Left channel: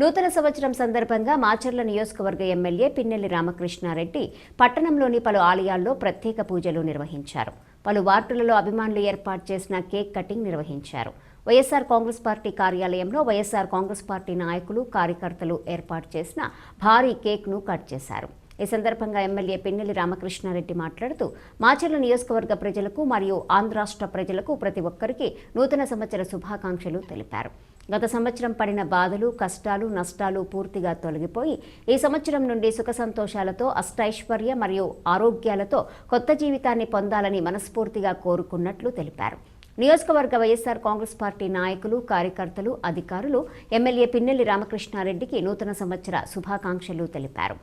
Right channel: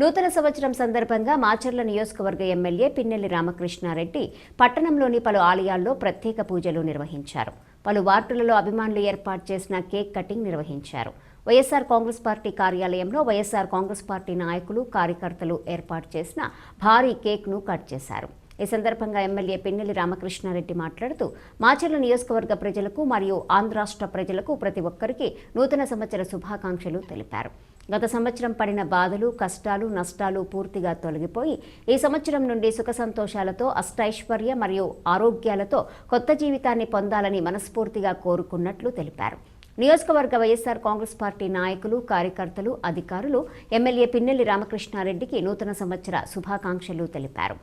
నూతన సంవత్సరం సందర్భంగా మాచర్ల నియోజకవర్గ ఎమ్మెల్యే పిన్నెల్లి రామకృష్ణారెడ్డి పట్టణంలోని పలు ఆలయాల్లో ప్రత్యేక పూజలు నిర్వహించారు. పలు వార్డులలో అభిమానులు ఏర్పాటు చేసిన కేక్ కటింగ్ నిర్వహించారు. వైఎస్ఆర్ కాంగ్రెస్ పార్టీ కార్యాలయంలో వైఎస్ఆర్ కాంగ్రెస్ పార్టీ నాయకులు, కార్యకర్తలు ఏర్పాటు చేసిన భారీ కేక్ను కట్ చేశారు. ఈ సందర్భంగా ఎమ్మెల్యే పిన్నెల్లి రామకృష్ణారెడ్డి మాట్లాడుతూ మాచర్ల నియోజకవర్గ ప్రజలకు మరియు ఆంధ్ర రాష్ట్ర ప్రజలకు ప్రతి ఒక్కరికి నూతన సంవత్సర శుభాకాంక్షలు తెలిపారు. గత సంవత్సరం పడిన బాధలు, కష్టాలు, నష్టాలు పూర్తిగా తొలగిపోయి ఈ సంవత్సరం నుండి సుఖ సంతోషాలతో, అష్టైశ్వర్య మరియు ఆరోగ్యాలతో కొత్త జీవితాన్ని పొందాలని మనస్ఫూర్తిగా కోరుకున్నట్లు తెలిపారు. నియోజకవర్గ వైఎస్ఆర్ కాంగ్రెస్ పార్టీ నాయకులు, కార్యకర్తలు, అధికారులు ఎమ్మెల్యే పిన్నెల్లి రామకృష్ణారెడ్డికి నూతన సంవత్సర శుభాకాంక్షలు తెలిపారు.